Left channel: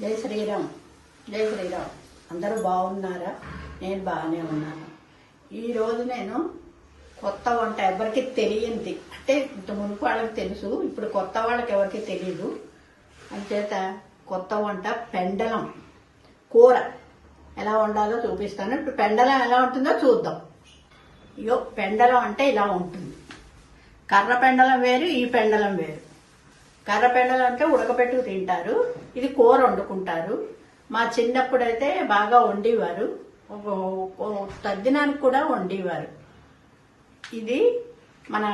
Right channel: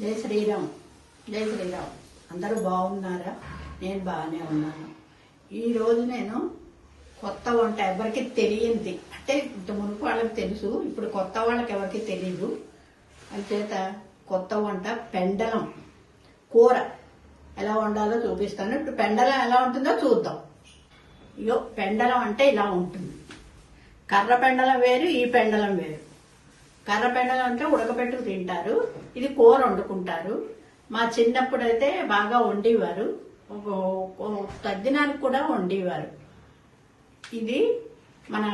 జై శ్రీరామ్ జై శ్రీరామ్. అందరూ బాగున్నారా? నేను బాగానే ఉన్నాను. ఈరోజు నేను కొత్త వంట ఎవరికి తెలియంది? అంటే ఇంత మునుపు వాళ్ళకి తెలుసు ఇప్పుడు కొత్త వాళ్ళకి ఎవరికి తెలియదు అంచేత కొత్త వంట పెండలం కూర ఎలా వండాలో చూపిస్తాను. ఇప్పుడు పెండలం ఎలా ఉంటుందో చూద్దాం. ఇగో పెండలం అంటే ఇలా ఉంటుంది. కర్ర పెండలం వేరు ఈ పెండలం వేరు. కర్రపెండలు అంటే ఉడకబెట్టుకు తింటారు. ఇది కూర వండుకుంటారు. మా చిన్నప్పుడు అయితే బాగా వండేవారు. తద్దినానికి కూడా వండేవారు. ఇది మన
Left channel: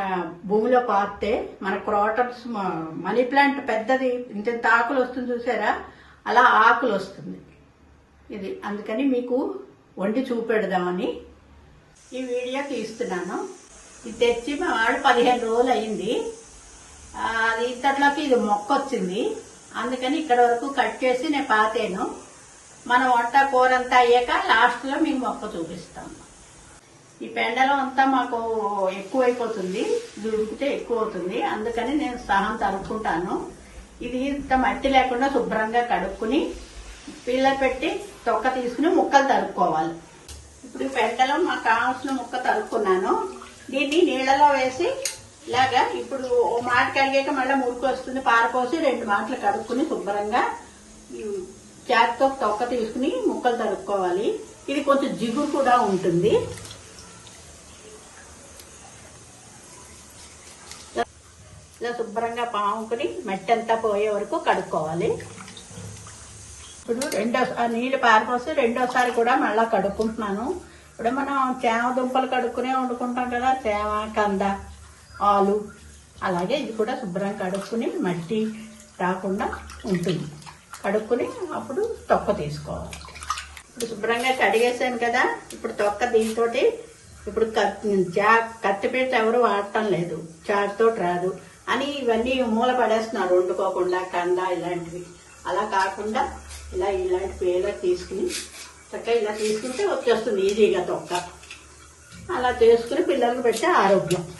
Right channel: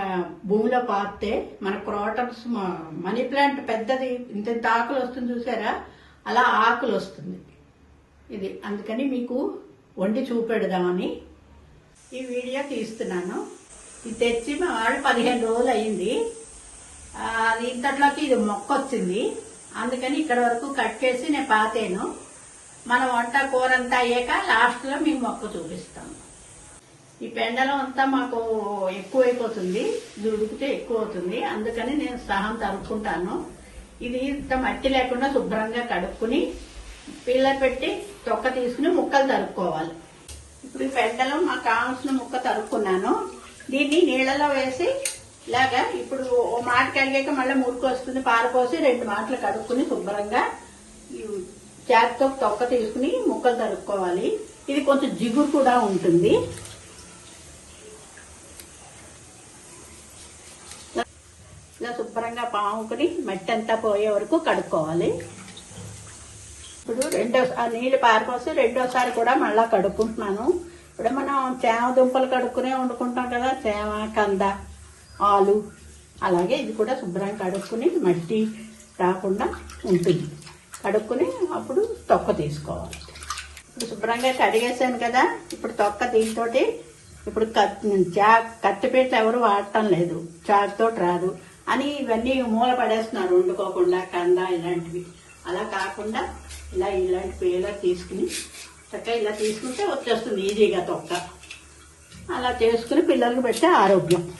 భూమిలో పారితే మన క్రోటన్స్ మనీ ప్లాంట్ పెద్దది ఇంత ఆకులు వస్తుంది చూసారా? అలా ఆకులు వస్తుంది. ఇది అందుకని మీకు వండి చూపెడదామని ఈ వీడియో తీస్తున్నాను. ఇది తెచ్చి మా వాడు పదిహేను రోజులు అయింది. అది ఇంతట్లోకి ఇది మొక్క వచ్చింది అందుకని ఇక్కడ వరకు కట్ చేసి నేను పాతాను. మన వంట కూర అంతా అయ్యాక లాస్ట్లో మీకు మొక్క చూపిస్తాను. ఈ పెండలం అంతా మాకు ఎక్కువ అయిపోతుంది ఇది ఉడికితే ఎక్కువ అవుతుంది అందుకని నేను సహం తరుక్కుంటాను. ఇది ఇంత మట్టి లేకుండా శుభ్రంగా కడుక్కుని పిల్ల పెట్టి తొక్క తీసుకుని ముక్కలు తరుక్కోవాలి. ఇప్పుడు ఈ పెండలం మాకు కావాల్సిన ముక్క తరుక్కున్నాను. దీన్ని నీళ్ళలో వేసి ఇలాగా ఇప్పుడు ఓ మాట కడిగాక మళ్ళీ మురికి వస్తుంది పారపోసి రెండు మాటలు కడుక్కుని శుభ్రంగా చేతితో తొక్క తీసుకుని ముక్కలు తరుక్కోవాలి. ఇది కొంచెం జిగురు కూడా ఉంటుంది. ఇలా శుభ్రంగా పాముకుని మెట్టంతా పోయే వరకు కడుక్కోవాలి. ఇప్పుడు రెండో నీళ్ళు పారిపోసి రెండోసారి కూడా మళ్ళీ కడుక్కుంటున్నాను. ఇప్పుడు మనం చేమ దుంపలు కడుక్కునే వండుకుంటాం కదా చేమ కంద. ఆలు అలాగే ఇది కూడా శుభ్రంగా కడుక్కుని మట్టి రాకుండా ఉంటుంది. కడుక్కుని అప్పుడు తొక్క తీసుకోవాలి. ఇప్పుడు శుభ్రంగా కడిగేసాను కదా ఇప్పుడు తొక్క దీంతో ఇప్పుడు కత్తిపీట ఎవరు వాడటం లేదు చారుతో రాదు. అని ఇవన్నీ మూల పడేస్తున్నారు వండుకోకుండా కంద ఇలాంటివి. అలా కాకుండా ఇలా ఇలాంటి పేల తీసుకుని చక్కగా ఇలా తీసుకుంటే వచ్చేస్తుంది ఈజీగా తొక్క. అలా చేసుకుని పిల్లలకు పెట్టే ఆరోగ్యం.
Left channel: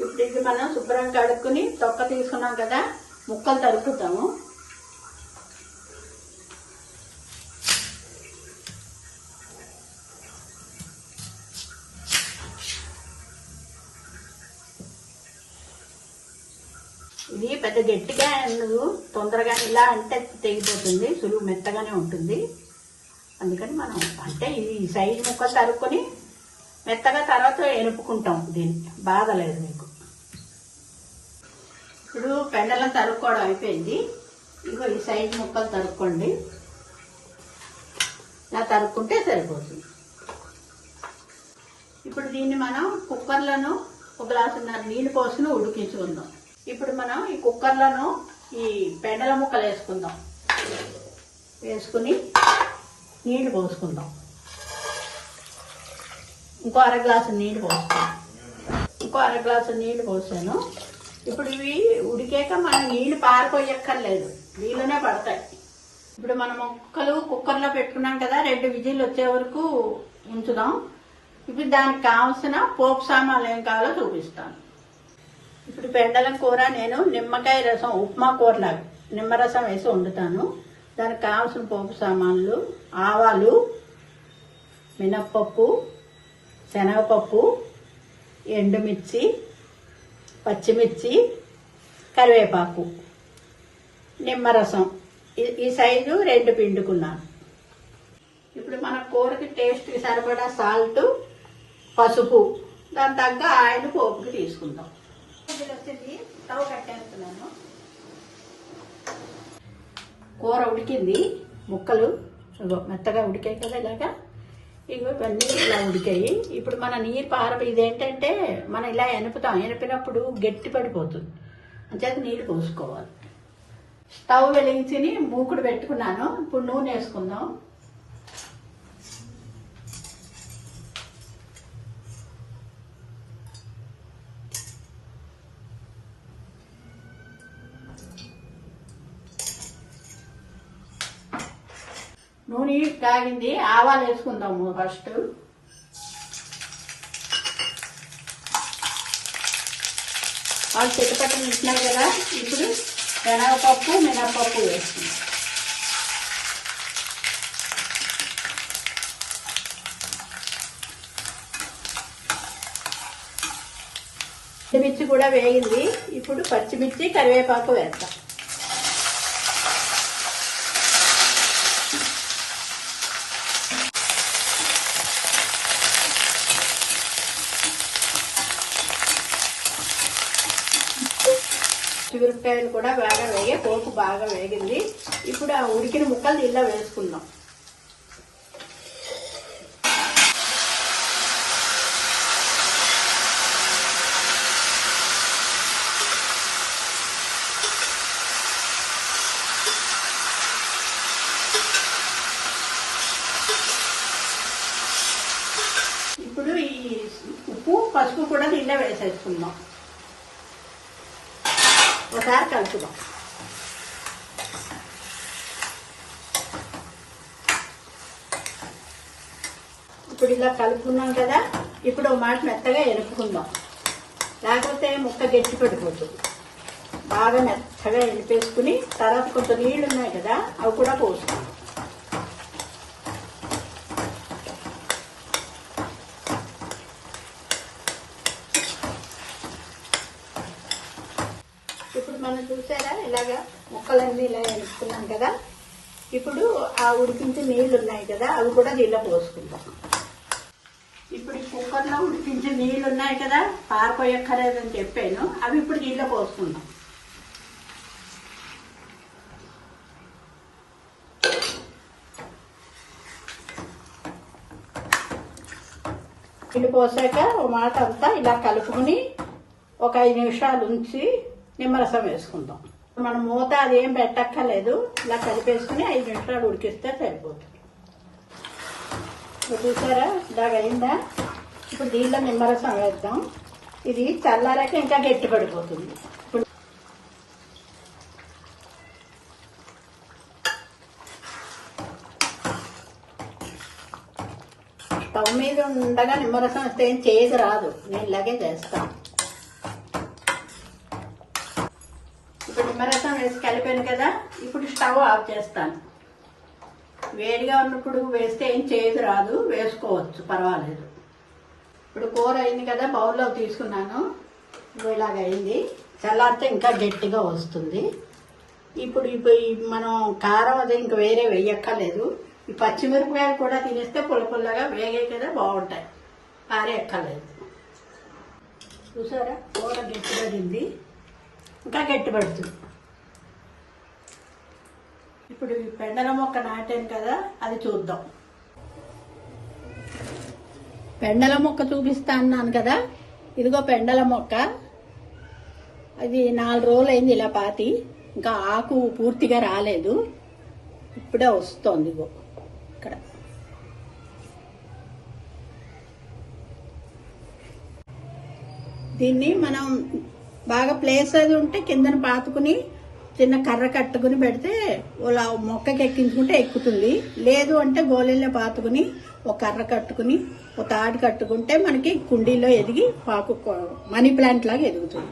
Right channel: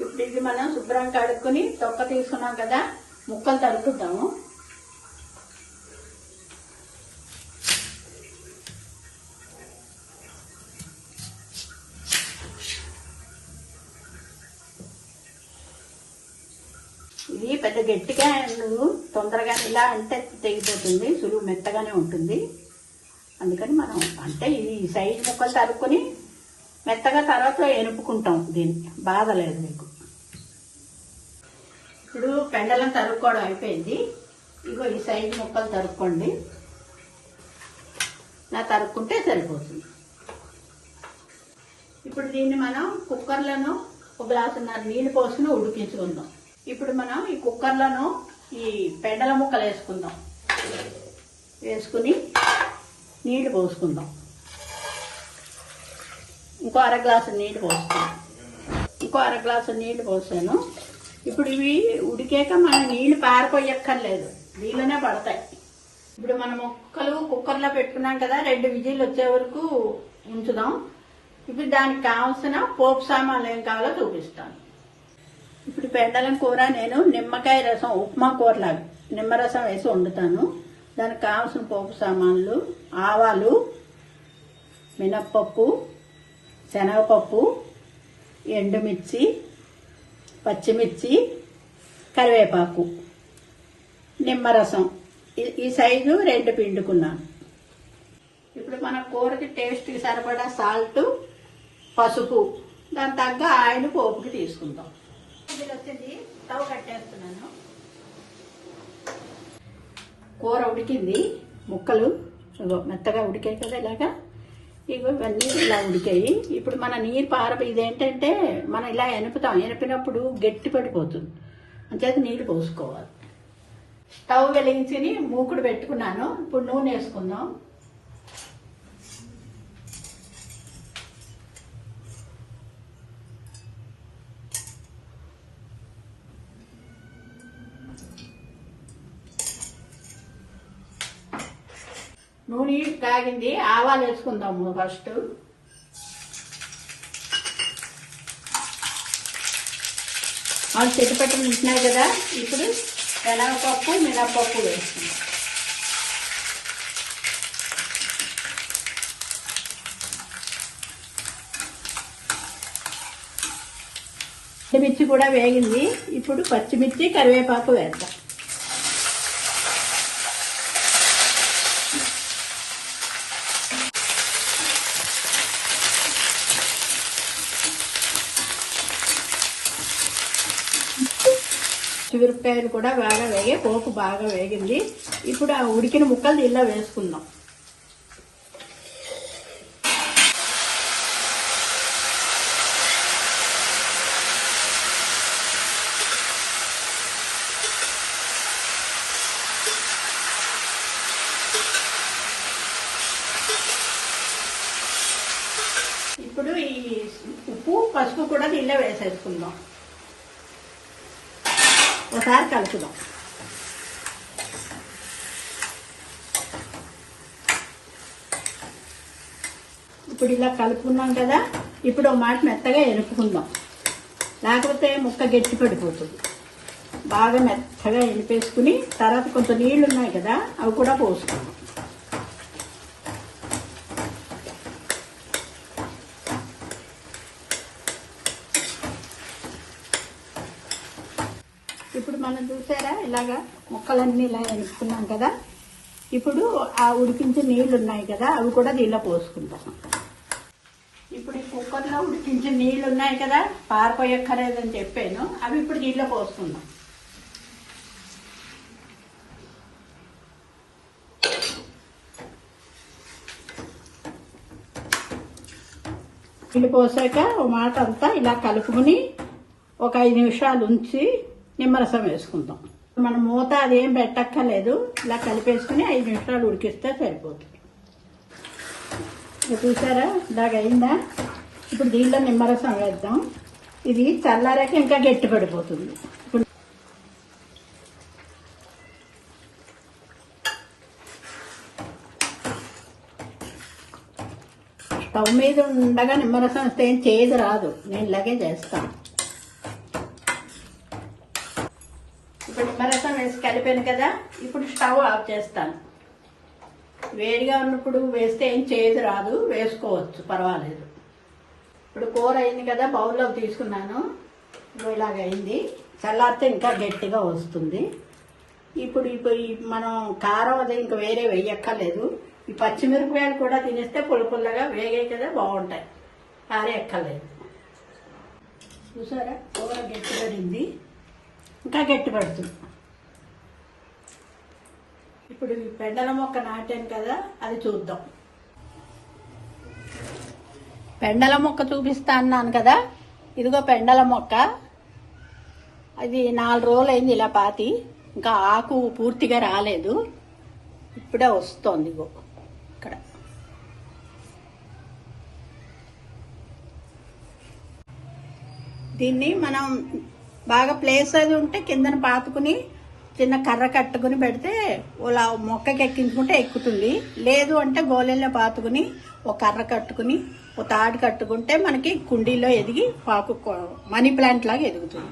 ఇప్పుడు ఇవి మనం శుభ్రం కడుక్కుని తొక్క తీసుకున్నాం కదా ముక్కలు తరుకుతాము ఇది పెద్ద గట్టిగా ఉండదు తొందరగా ఇలా అంటే తెగిపోతుంది సులువు మెత్తగానే ఉంటుంది. అందుకని మనం అంటే ఈ సైజ్ ముక్కలు తరుక్కుని మెత్తగా తర్వాత ఎనుపుకుంటాం. దీన్ని బాధలేదు మీకు. ఇప్పుడు పెండలం తరుక్కోవడం అయిపోయింది. ఇగో ఈ సైజు ముక్కలు తరుక్కోండి. ఇలా తరుక్కుంటే సరిపోతుంది. ఇప్పుడు దీన్ని మనం కుక్కర్లను ఒక గ్లాసున్నర నీళ్ళు పోసుకుని ఉడికించుకుందాం. ఇప్పుడు మనం ఈ కుక్కర్లను ఈ పెండల ముక్కలు వేసుకుందాం. వేసుకుని నీళ్ళు పోసుకుందాం. ఇంకో అర గ్లాసు నీళ్ళు పోసుకుందాం. ఇంకో అర గ్లాసు నీళ్ళు పోసాను. ఇప్పుడు ఇవి ఉడికాక మనం నీళ్ళు పారిపోయక్కర్లేదు. నీళ్ళనే పడతాయి. ఇప్పుడు మనం మొక్కలు కుక్కర్లో పెట్టుకున్నాం కదా రెండు విజిల్లు వచ్చే వరకు ఉంచుదాం. ఇప్పుడు దానికి కావాల్సిన పోపు సామాన్లు ఏం కావాలో చూపిస్తాను ఇప్పుడు పెండలం కూర నేను నిమ్మకాయ రసం ఉప్మా కూరలాగా నిమ్మరసం వేసి వండుతాను. దానికి కావాల్సిన పోపు సామాన్లు ఆవాలు మినప్పప్పు శనగపప్పు ఎండుమిర్చి పచ్చిమిర్చి కరివేపాకు నిమ్మరసం. ఈ- ఈ సైజు రెండు పిండుకున్నాను. ఇప్పుడు మన కూరకి టేస్ట్ సరిపడా సాల్ట్ పసుపు దాని తగ్గ ఆయిల్ పోపుకి తీసుకుందాం. ఇది వచ్చేసి స్టవ్ కట్టేస్తున్నాను. కూర ఉడికింది. ముక్కలు మెత్తగా ఉడికాయి కదా ఇలాగా. ఇవన్నీ ఇలా ఉడికాయి. ఇప్పుడు మన నీరు పార ఇదేంటంటే మనం ఇలా ఎనుపుతాం. ఎనిపినప్పుడు గట్టి పడిపోతుంది. అంచేత నీరు పోసుకోవాలి. స్టవ్ వెలిగించి మూకుడు పెట్టుకున్నాను. ఇప్పుడు నూనె వేసుకుందాం. నూనె కాగింది ఆవాలు వేసుకుందాము ఫస్ట్. మనం చిట్టపట్టలు ఉంటున్నాయి కదా ఇప్పుడు శనగపప్పు మినపప్పు వేసుకుందాం. పచ్చిమిర్చి కూడా వేగింది ఇప్పుడు పచ్చిమిర్చి కరివేపాకు వేద్దాం. చిగురుకాయలు కూడా బాగా వేగే పోపు బాగా వేగింది. ఇప్పుడు ఆ ఉడికిన ముక్కలు ఇలా వేసుకుందాం. ఇప్పుడు ఈ ఉప్పు పసుపు కూడా దీనిలో వేసేసుకుందాం. ఒకసారి కలుపుదాం ఇప్పుడు ఇలా కలుపుకున్నాం కదా ఇప్పుడు మాట మెత్తగా ఎరుపుకుందాం. లేకపోతే ముక్క గట్టి పడిపోతుంది. బాగా మెత్తగా ఎనిపేసుకుని తర్వాత కొంచెం నీళ్ళు ఉన్నాయి కదా అవి కూడా పోసుకుందాం ఇప్పుడు మనం చూసారా ఇలాగా ముక్కలన్నీ ఇలా వేసుకున్నాం కదా? ఇప్పుడు ఆ ఉడికించే నీళ్ళు ఉన్నాయి కదా అవి కూడా దీనిలో పోసుకుంటాం ఇప్పుడు కుక్కర్లో ఉడికించే నీళ్ళు ఉన్నాయి కదా పారిపోయక్కర్లేదని చెప్పాను. అవి ఇప్పుడు దీనిలో పోసుకుందాం. నీళ్ళు పోసాక ఒక మాట అంతా ఇలా కలుపుకుని ఒక ఐదు నిమిషాలు ఉంచి నిమ్మరసం వేసుకుందాం. మనం మూత అదేం పెట్టక్కర్లేదు. ఇలా కలిపేసుకుని ఐదు నిమిషాలు ఉడికిస్తే సరిపోతుంది. ఇప్పుడు చూసారా? ఇలాగ అయిందా ఇప్పుడు దీనిలో నిమ్మరసం వేద్దాం. ఇది చల్లారాక ఇంకా గట్టి పడిపోతుంది. స్టవ్ మీద ఉండగా నిమ్మరసం వస్తే ఏం చేయదు రాదు. నేను ఇలాగే చేస్తాను ఇప్పుడు నిమ్మరసం వేసి కలిపాను కదా ఇప్పుడు స్టవ్ ఆఫ్ చేస్తాను. వేడిగా ఉన్నప్పుడు వేస్తే ఏం చేయదు రాదు వేసుకోవచ్చు పర్వాలేదు. ఇప్పుడు కూర అయింది కదా బౌల్లో తీసుకున్నాను. ఇలాగ అయింది. చల్లారితే ఇంకా గట్టిగా వస్తుంది. ఇప్పుడు ఇప్పుడు మనం కారం అది ఇంకా వేరే వేయక్కర్లేదు. ఈ పచ్చిమిరపకాయలు కూడా తినేస్తే పుల్ల వేగే కదా బాగుంటాయి. ఆరే ఎక్కర్లేదు చూసారా? కూర గట్టిపడింది ఇంకా గట్టిపడుతుంది ఇప్పుడు ఈ పెండల మొక్క నాటాను కదా అది చూద్దాం. పెండల మొక్క చూపిస్తా అన్నాను కదా ఇదిగో పెండల మొక్క. అది నాలుగు రోజులు అయింది ఇలా పాతి ఇంకా ఆకు పూర్తిగా రాలేదు. ఇప్పుడే వస్తోంది ఇగో ఇక్కడ. దీన్ని మనం బాగా ప్లేస్ అది ఉంటే కిందన పాతుకుని చిన్న కర్ర కట్టుకుని పెడితే ఇలా మొక్కకి ఎక్కించుకుంటే ఎక్కుతుంది. లేదు అంటే గోళెల్లో పాతుకుని ఒక కర్ర కట్టుకుని ఒక తాడు కట్టుకుంటే మనకి కుండీలో ఎదిగి పాకు మనీ ప్లాంట్ లాగా ఎదుగుతుంది.